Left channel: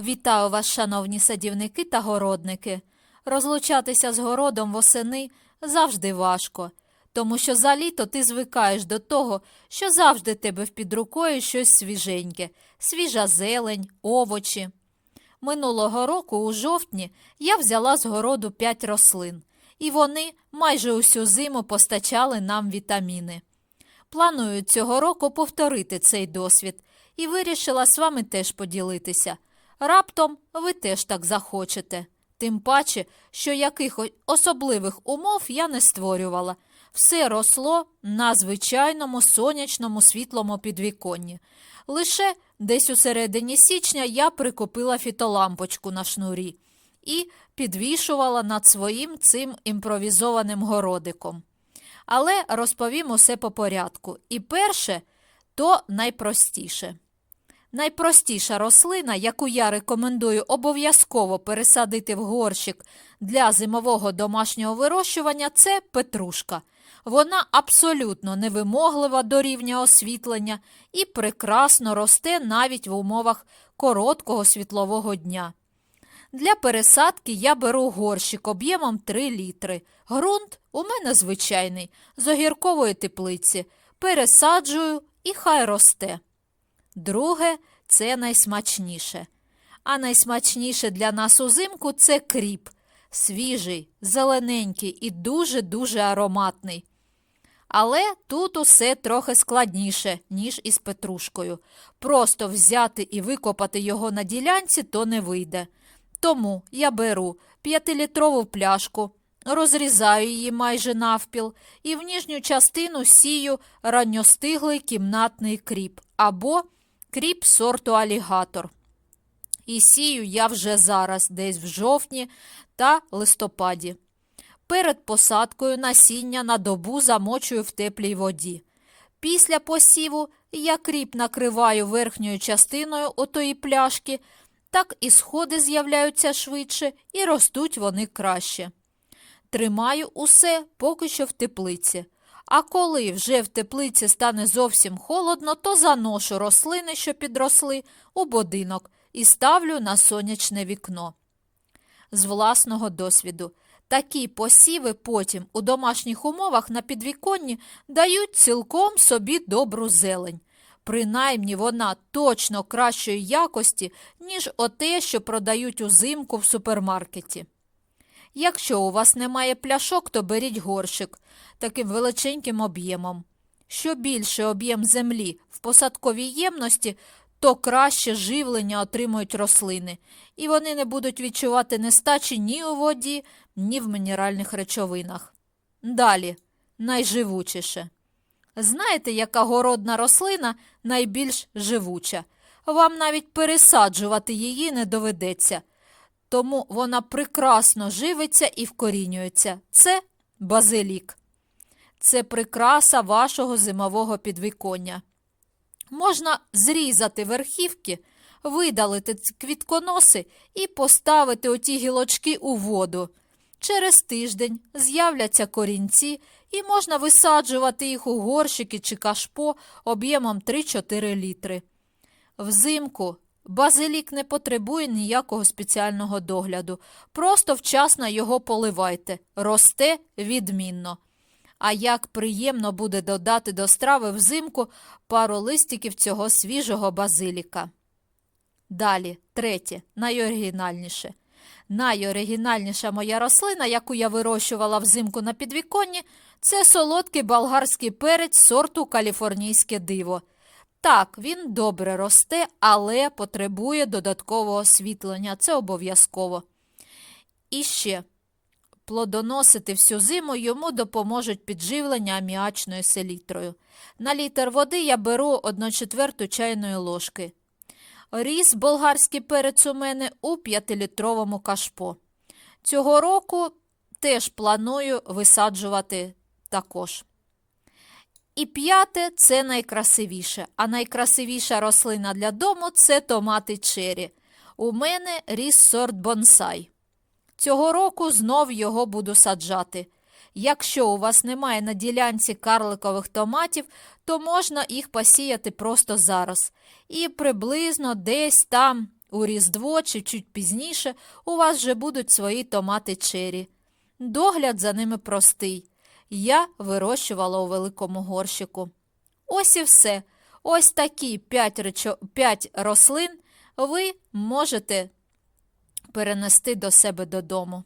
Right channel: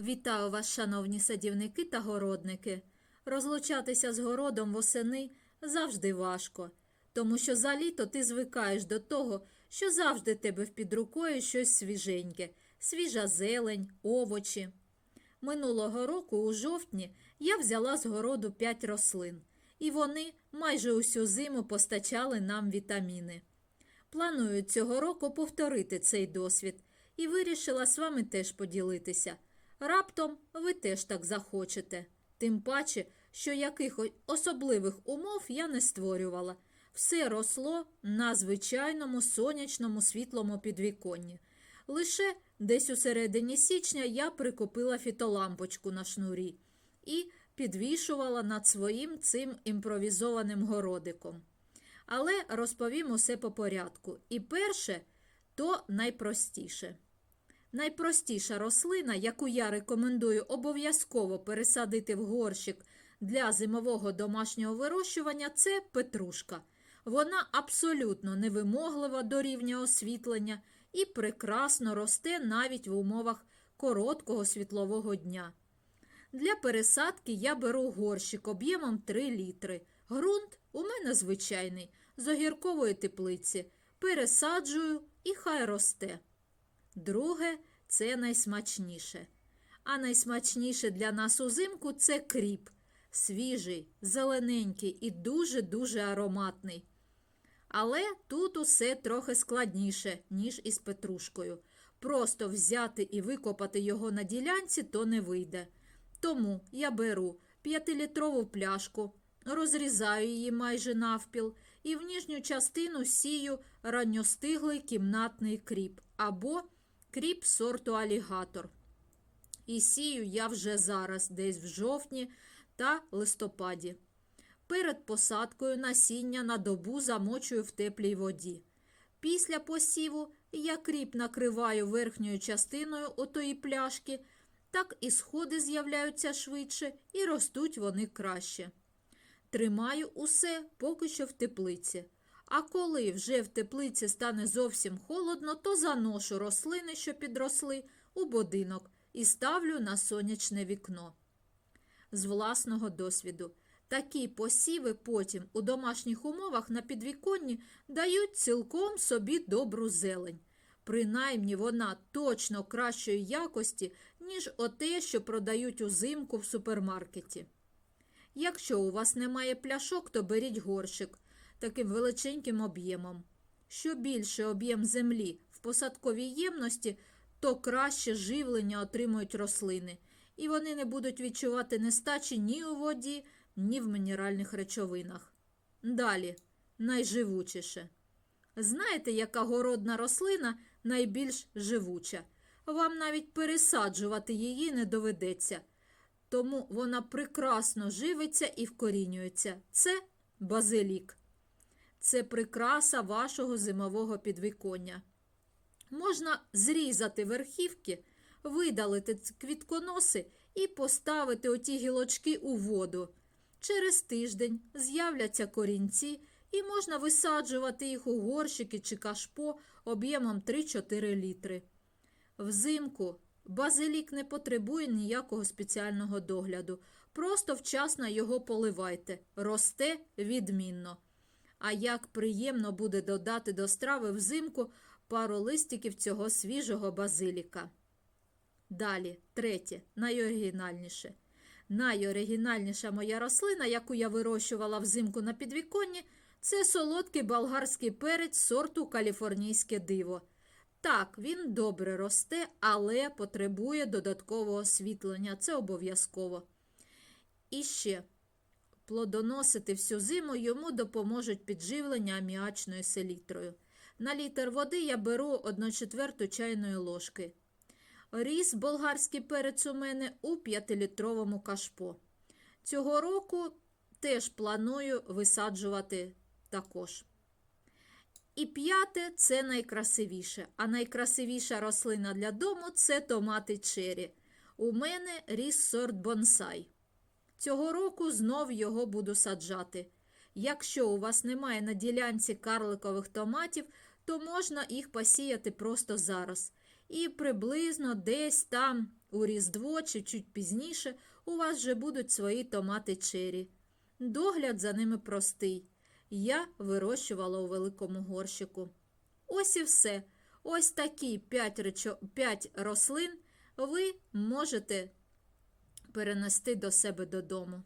Вітаю вас, шановні садівники та городники. Розлучатися з городом восени завжди важко, тому що за літо ти звикаєш до того, що завжди тебе в під рукою щось свіженьке, свіжа зелень, овочі. Минулого року, у жовтні, я взяла з городу п'ять рослин, і вони майже усю зиму постачали нам вітаміни. Планую цього року повторити цей досвід і вирішила з вами теж поділитися. Раптом ви теж так захочете. Тим паче, що якихось особливих умов я не створювала. Все росло на звичайному сонячному світлому підвіконні. Лише десь у середині січня я прикупила фітолампочку на шнурі і підвішувала над своїм цим імпровізованим городиком. Але розповім усе по порядку. І перше, то найпростіше. Найпростіша рослина, яку я рекомендую обов'язково пересадити в горщик для зимового домашнього вирощування, це петрушка. Вона абсолютно невимоглива до рівня освітлення і прекрасно росте навіть в умовах короткого світлового дня. Для пересадки я беру горщик об'ємом 3 літри. Грунт у мене звичайний, з огіркової теплиці. Пересаджую і хай росте. Друге це найсмачніше. А найсмачніше для нас узимку це кріп. Свіжий, зелененький і дуже-дуже ароматний. Але тут усе трохи складніше, ніж із петрушкою. Просто взяти і викопати його на ділянці то не вийде. Тому я беру 5-літрову пляшку, розрізаю її майже навпіл і в ніжню частину сію ранньостиглий кімнатний кріп або кріп сорту алігатор. І сію я вже зараз, десь в жовтні та листопаді. Перед посадкою насіння на добу замочую в теплій воді. Після посіву я кріп накриваю верхньою частиною отої пляшки, так і сходи з'являються швидше і ростуть вони краще. Тримаю усе поки що в теплиці. А коли вже в теплиці стане зовсім холодно, то заношу рослини, що підросли, у будинок і ставлю на сонячне вікно. З власного досвіду. Такі посіви потім у домашніх умовах на підвіконні дають цілком собі добру зелень. Принаймні вона точно кращої якості, ніж оте, що продають узимку в супермаркеті. Якщо у вас немає пляшок, то беріть горщик таким величеньким об'ємом. Що більше об'єм землі в посадковій ємності, то краще живлення отримують рослини, і вони не будуть відчувати нестачі ні у воді, ні в мінеральних речовинах. Далі, найживучіше. Знаєте, яка городна рослина найбільш живуча? Вам навіть пересаджувати її не доведеться. Тому вона прекрасно живиться і вкорінюється. Це базилік. Це прикраса вашого зимового підвіконня. Можна зрізати верхівки, видалити квітконоси і поставити оті гілочки у воду. Через тиждень з'являться корінці, і можна висаджувати їх у горщики чи кашпо об'ємом 3-4 літри. Взимку базилік не потребує ніякого спеціального догляду. Просто вчасно його поливайте. Росте відмінно. А як приємно буде додати до страви взимку пару листиків цього свіжого базиліка. Далі, третє, найоригінальніше. Найоригінальніша моя рослина, яку я вирощувала взимку на підвіконні, це солодкий болгарський перець сорту каліфорнійське диво. Так, він добре росте, але потребує додаткового освітлення. Це обов'язково. І ще плодоносити всю зиму йому допоможуть підживлення аміачною селітрою. На літр води я беру 1 четверту чайної ложки. Ріс болгарський перець у мене у 5-літровому кашпо. Цього року теж планую висаджувати також. І п'яте це найкрасивіше. А найкрасивіша рослина для дому це томати чері. У мене ріс сорт бонсай. Цього року знов його буду саджати. Якщо у вас немає на ділянці карликових томатів, то можна їх посіяти просто зараз. І приблизно десь там У Різдво чи чуть пізніше у вас вже будуть свої томати чері. Догляд за ними простий. Я вирощувала у великому горщику. Ось і все. Ось такі п'ять, речо... рослин ви можете перенести до себе додому.